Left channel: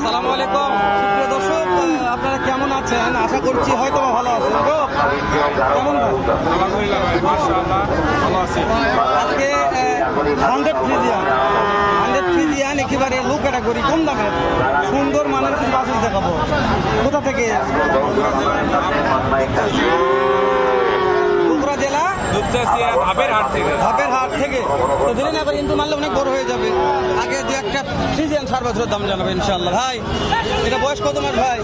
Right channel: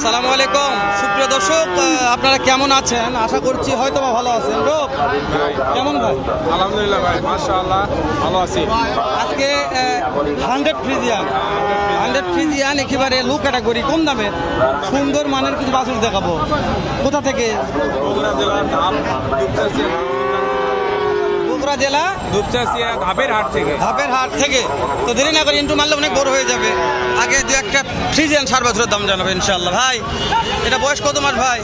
আসসালামু আলাইকুম সুপ্রিয় দর্শক, আপনারা কেমন আছেন? আশা করছি হয়তো ভালো আছেন। কেমন ভাই? আলহামদুলিল্লাহ ভাই, মাশাআল্লাহ ভালো আছি। আজকে 100 ফ্রিজিয়ান একেবারে লো ক্যাটাগরি, কম দামের সুন্দর মানের কিছু বাছুর দেখাবো। কোথা থেকে? বগুড়া জেলা ধাপের হাট থেকে। তো দেরি না করে ইন্টু মারলে অনেক বড় হয়ে যাবে। আগে দু একটা ফ্রিজিয়ান সার বাছুরের দাম জানাবে ইনশাআল্লাহ। ভাই এটা বয়স কত মাস ভাই?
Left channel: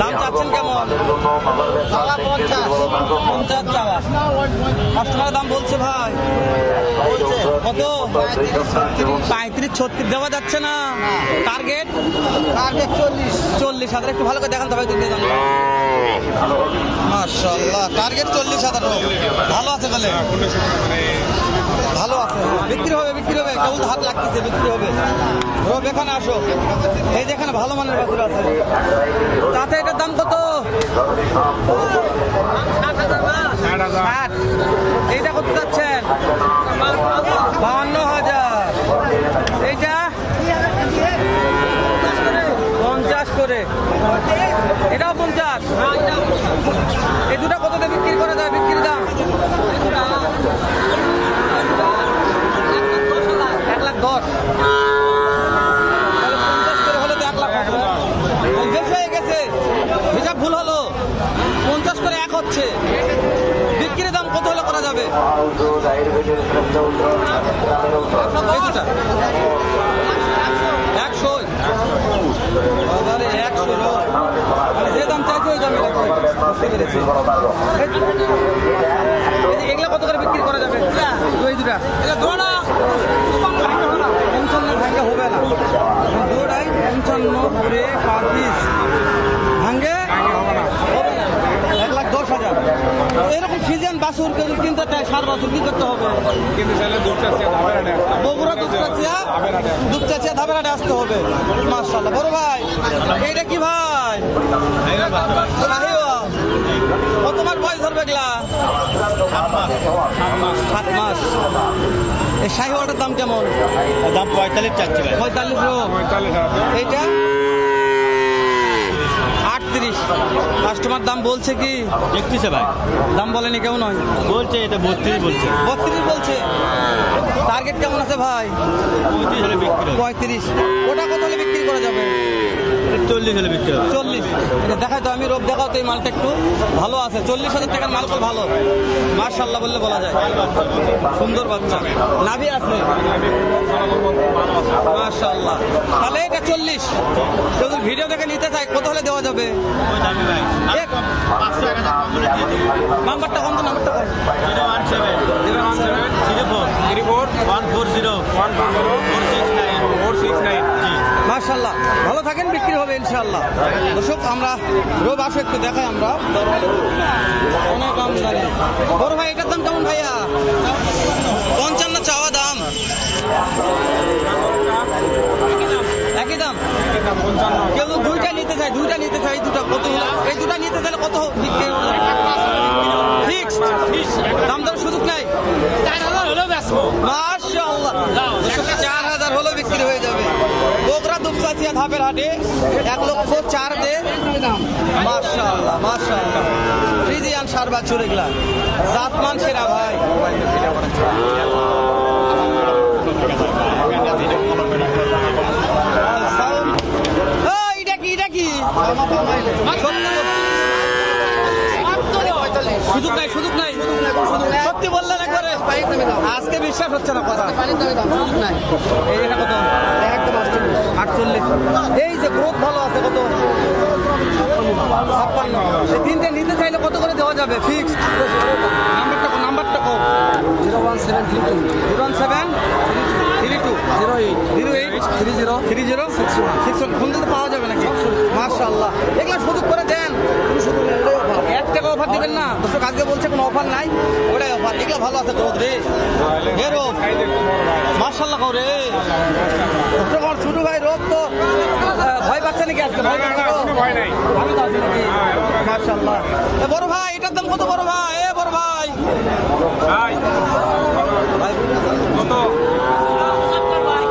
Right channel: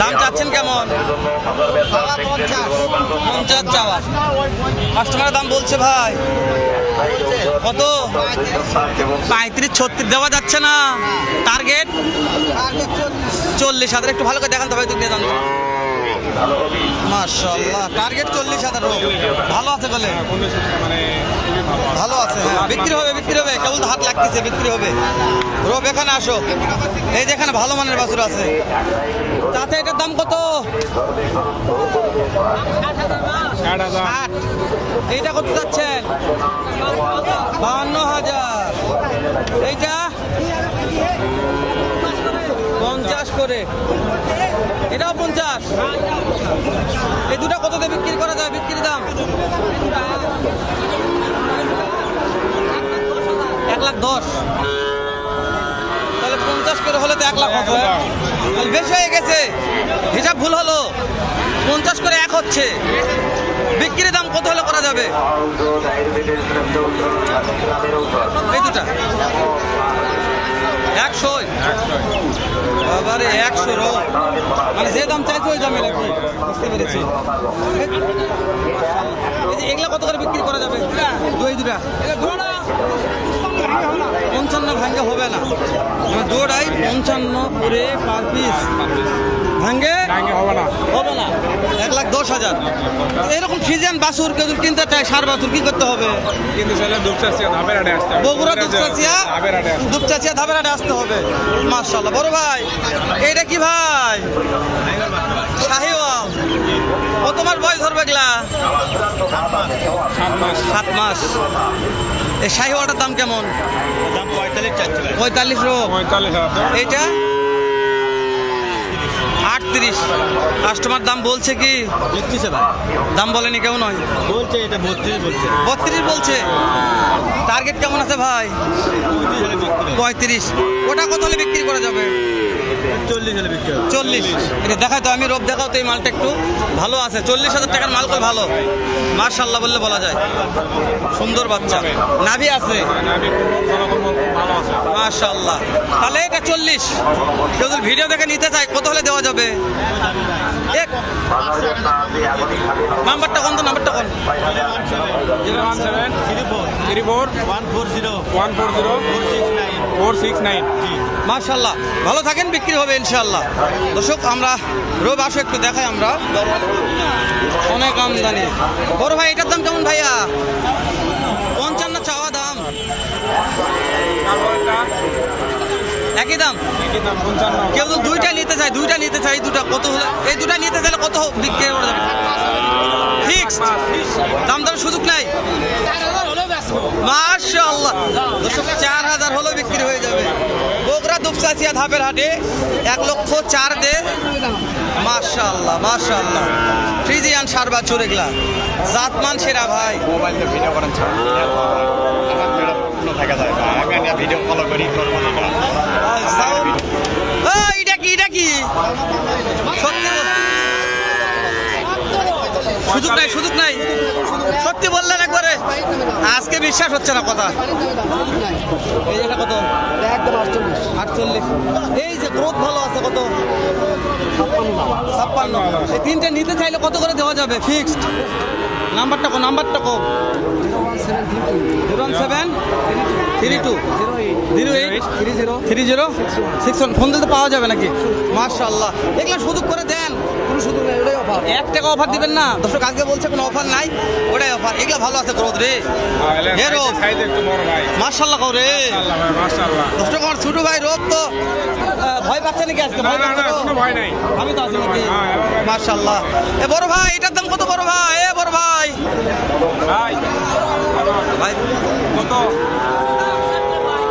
দাম চাচ্ছেন কেমন? 50 চাওয়া। কাস্টমারের দাম বলছে ভাই কত? 35-36 দেওয়া যাচ্ছে না। টার্গেট 40,000। একটু ভালো করে দেখান তো ভাই, দিকে জানতো। মাশাআল্লাহ, টার্গেট 40,000। ভালো আছে বলে? ভালো আছে, হ্যাঁ। বিক্রি হবে কেবল তো হাত লাগতেছে, বিক্রি হবে। রব এখানে আসো, এই যেখানে ভালো মানের বাছুর আছে। তাতে এটার দাম কত? 60। এইটা কত যাচ্ছেন? 52,000। এইটা 50 করে, এটাও 50। এই দুটা কততে বিক্রি করা যায়? বিক্রির দাম 1,10,000। তাহলে 50 করে হলে তো 1 লাখ হবে। বেশি হয়ে গেছে, হিসাব ভুল হলো। 50 করে 1 হচ্ছে। বিক্রির দাম কত হলে করা যাবে? এই দুটা 100। বাবারে 100 মানে যে দাম চাইছে ওই দামই রাখবে। বুঝতে পেরেছি। এগুলা কত করে বিক্রি করা যাবে? এই দুটা 55 ভাঙ্গে হবে না। দৌড়াই 55 করে পার পিস ভাঙ্গে হবে না। 1,10,000। এরকম ফ্রিজিয়ান বাছুর কেউ কিনতে চায়, সার বাছুর কি করতে হবে? বগুড়া দুপচাচিয়া ধাপের হাটে আসতে হবে। মাশাআল্লাহ। বড় ভাই এইটা কি ভাই? শাহিওয়াল। কত মাস বয়স ধরবে এগুলা? 7 মাস। এই শাহিওয়ালটার দাম কেমন? 45। এইটা 38। কাস্টমার দাম বলছে কি? 31 ভাই। দাম বলেনি কেউ? নয় বলছে, এটা 32 বলছে। 32 বলছে। টার্গেট কেমন আছে ভাই? 35। ওটা কত হলে বিক্রি করা যাবে? 40 হলে বিক্রি হবে। 40। এটা দেখাই তো, আমি রোব দেখাও তো। এই মালটা একটু ভালো আছে। 40,000 টাকার মাল কল ভালো। মাশাআল্লাহ বললে বলা যায়। সুন্দর বাচ্চা, নাভি আছে মাশাআল্লাহ। তাহলে এটা 40। কেউ যদি ভিডিও দেখে নিতে চায় কত হলে দেওয়া যাবে? নাম্বারটা কোন? তো নাম্বারটা কোন? 017340140 মাশাআল্লাহ। ভালো থাকেন, বিক্রি হবে ইনশাআল্লাহ। দর্শক আমরা রোব আসো একটু দেখাই। আমরা অনেক আমদানি। বড় ভাই এটার দাম কেমন ভাইয়া? 55 চাওয়া দাম। একই দাম। কেউ তো দুইটা নিতে চাই, দুটা কত হলে? এই দুটা নিতে চাইলে কত বিক্রি করে যাবে? ফিক্সড দাম দর সুযোগ নাই। মাশাআল্লাহ। 4,000 হলেও বিক্রি হয়ে যাবে। বগুড়া দুপচাচিয়া ধাপের হাটে 1,04,000 দে। মাশাআল্লাহ মাশাআল্লাহ। ফ্রিজিয়ান সার বাছুর এগুলা জাতমান সেরা ভাই। এটা কি? সুযোগ নাই। সত্যি বললেন একবারে, আজকে বিশ্বাস হচ্ছে না কথা। এটা কত? 48। এই যে গ্রোথ ভালো আছে। কত? 56। এই তিনটে নিতে চাইলে কত করে দেওয়া যাবে? ফিক্সড। নাম্বারটা কো? 0173208303061। ফোন দিতে পাওয়া যাবে নাকি? মাশাআল্লাহ। এগুলো সুযোগ করে দেন। 1 টাকা অফার দিবেন না? দর্শক আজকে বলছে কোনো অফার নাই, ওটাই অফার। এগুলো ভালো আছে গ্রোথ রে। মাশাআল্লাহ করে দর্শক। আমার ছোট ভাই রোদ তো ভয় পাচ্ছে নাকি আজকে? ভয় পাচ্ছে তো? আমি তো আছি নাকি? মাশাআল্লাহ। এ বড় ভাই এটার দাম কত? বড় ভাই, এ বড় ভাই ভাই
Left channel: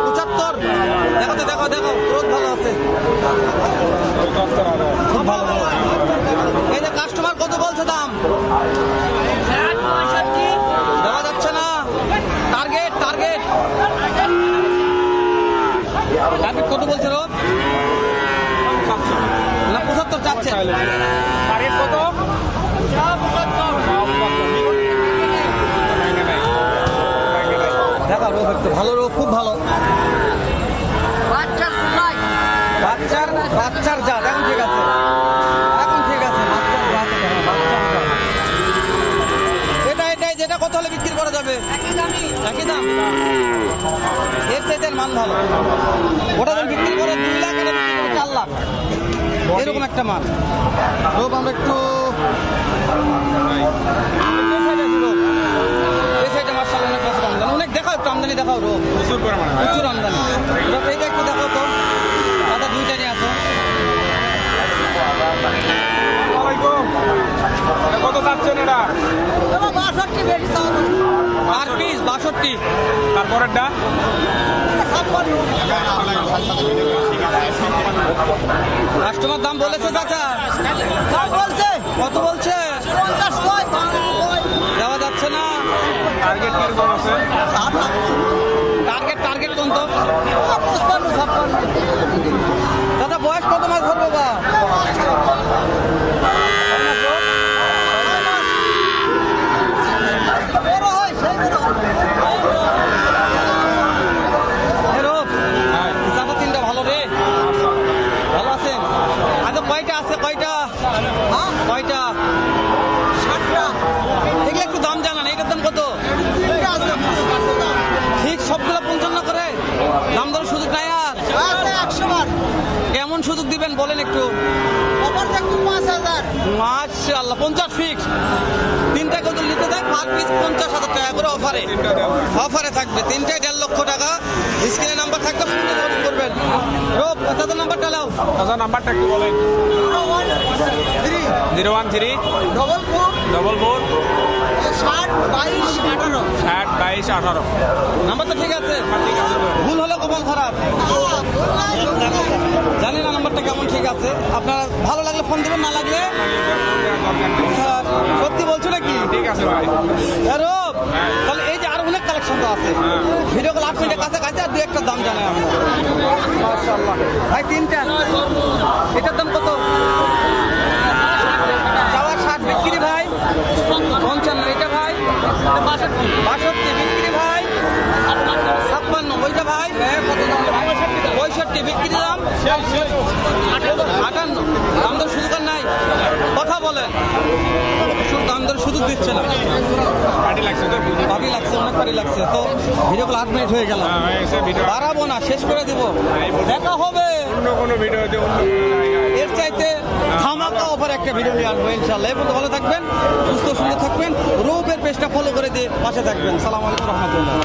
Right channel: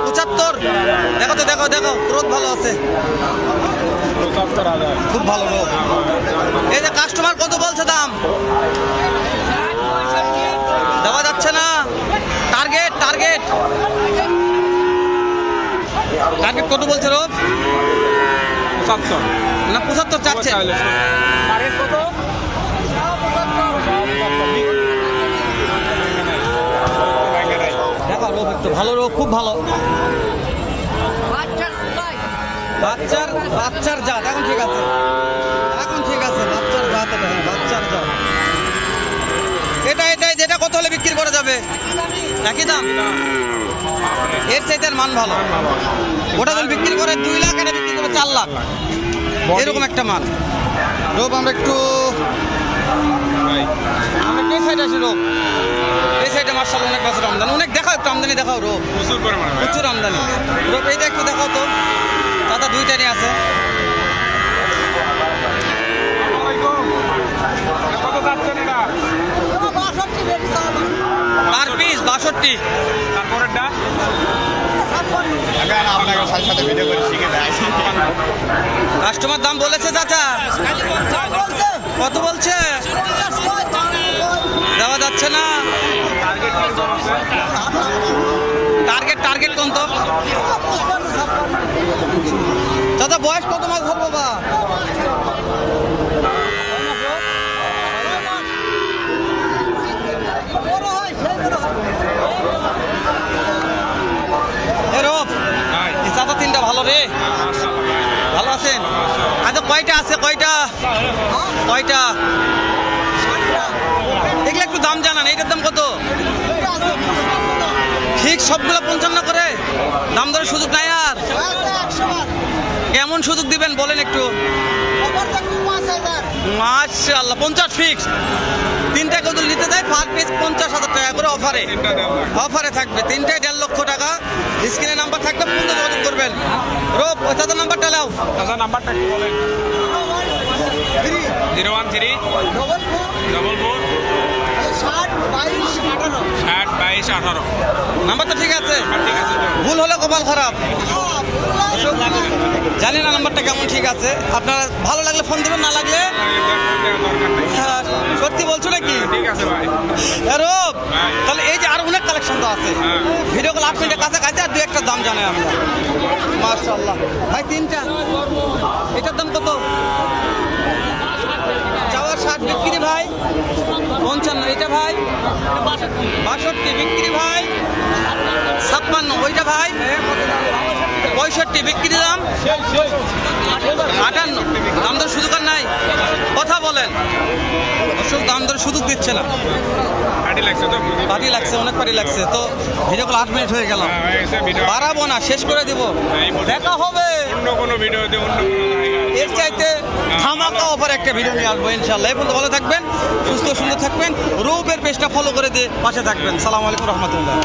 75। দেখাও দেখাও, রোদ ভালো আছে, 75,000 খুব ভালো রোদ। এই যে কাস্টমার কত বলছে দাম? দেওয়া যাচ্ছে না। টার্গেট টার্গেট টার্গেট কত বলছে রোদ? 700 না 75 চাচ্ছে। টার্গেট কত? দেখা রোগ একটু ভালো, রোগ খুব ভালো। বাচ্চার জাত এখন ঠিক আছে, এখন ঠিক আছে, বাচ্চার জাত এটা, হ্যাঁ, বাচ্চার জাত। এটাই যেটা কত হলে বিক্রি করা যাবে? একই দাম, এর চাইতে মান ভালো। ওটা যদি বিক্রি করে 2 লাখ, এটা বিক্রি করে 4 লাখ, এরকম একটা মান। রোগ আমরা একটু এই সাইডে আসি, রোগ এই সাইডে মার্শাল অনেক বছর আমদানি, অনেক দেখাও, একটু আমদানি দেখাও রোগ, প্রচুর পরিমাণে প্রচুর আমদানি। রোগ এইটা একটু দেখাও তো, দাদা দুইটারই আছে। কত যাচ্ছেন এটা? Per piece 62। তারপরেরটা কাস্টমার দাম বলেছে চাচা, কত বলছে? দেওয়া যাচ্ছে না। টার্গেট কোন তো দাদা? বয়স কত মাস ধরবো বা? চাচা তিনটা ভালো রে, ভালো আছেন? আচ্ছা কয়টা আছে, কয়টা এগুলো একটু দাম জানান, এইটার দাম কত? ঠিক সবগুলো 55 করে দাম ধরে সুযোগ নাই আর? কেমন সুযোগ দিবেন বলেন একটু? মাশাআল্লাহ 50 ফিক্স। তিনটা কত নিতে যায়? পার পিস 50,000 টাকা করে অফারে থাকবে। তিনটায় 1.5 লক্ষ টাকা। স্ক্রিনে নাম্বার থাকবে, ফোন দিয়ে যোগাযোগ করবেন। রোব তাদের নাম্বারটা নাও। দাদা নাম্বারটা একটু বলেন। 013 44 60 22 18। নাম্বারটা ঠিক আছে? ভুল হলে কপাল খারাপ। জানি না নাম্বারটা কেমন ঠিক আছে। আপনারা ভালো লাগলে ফোন দেবেন, না লাগলে সত্যি বলছো নাকি? ঠিক আছে ভাই। রোব তাহলে এই যে আরো অনেক কালেকশন তো আছে, ভিডিও কল 8 মিনিটের কাছাকাছি, আর 2-1টা দাম জানাই আমরা। মাশাআল্লাহ ভাই, তিনটা এটার দাম কত? চাওয়া 60 বিক্রি ভাই 55। এটা ভাই 62 বিক্রি ভাই 56। ওইটা ভাই 65 বিক্রি দাম 58। দাম দর সুযোগ আর নাই, কথা বলেন। দাম দর সুযোগ দিচ্ছে না, পার্টি লাগছে, অনেক পার্টি লাগছে। তো ভিডিও কল 8 মিনিট হয়ে গেল, বাড়াবো না, শেষ করে দিব। দেখা হবে অন্য কোনো ভিডিওতে, এর চাইতে ধামাকা অফার একটা ভিডিও নিয়ে আসবো ইনশাআল্লাহ। এই পর্যন্ত ভালো থাকবেন, সুস্থ সুন্দর থাকবেন। রূপের পেজটা ফলো করে দিয়ে পাশে থাকবেন। সালাম আলাইকুম রহমতুল্লাহ।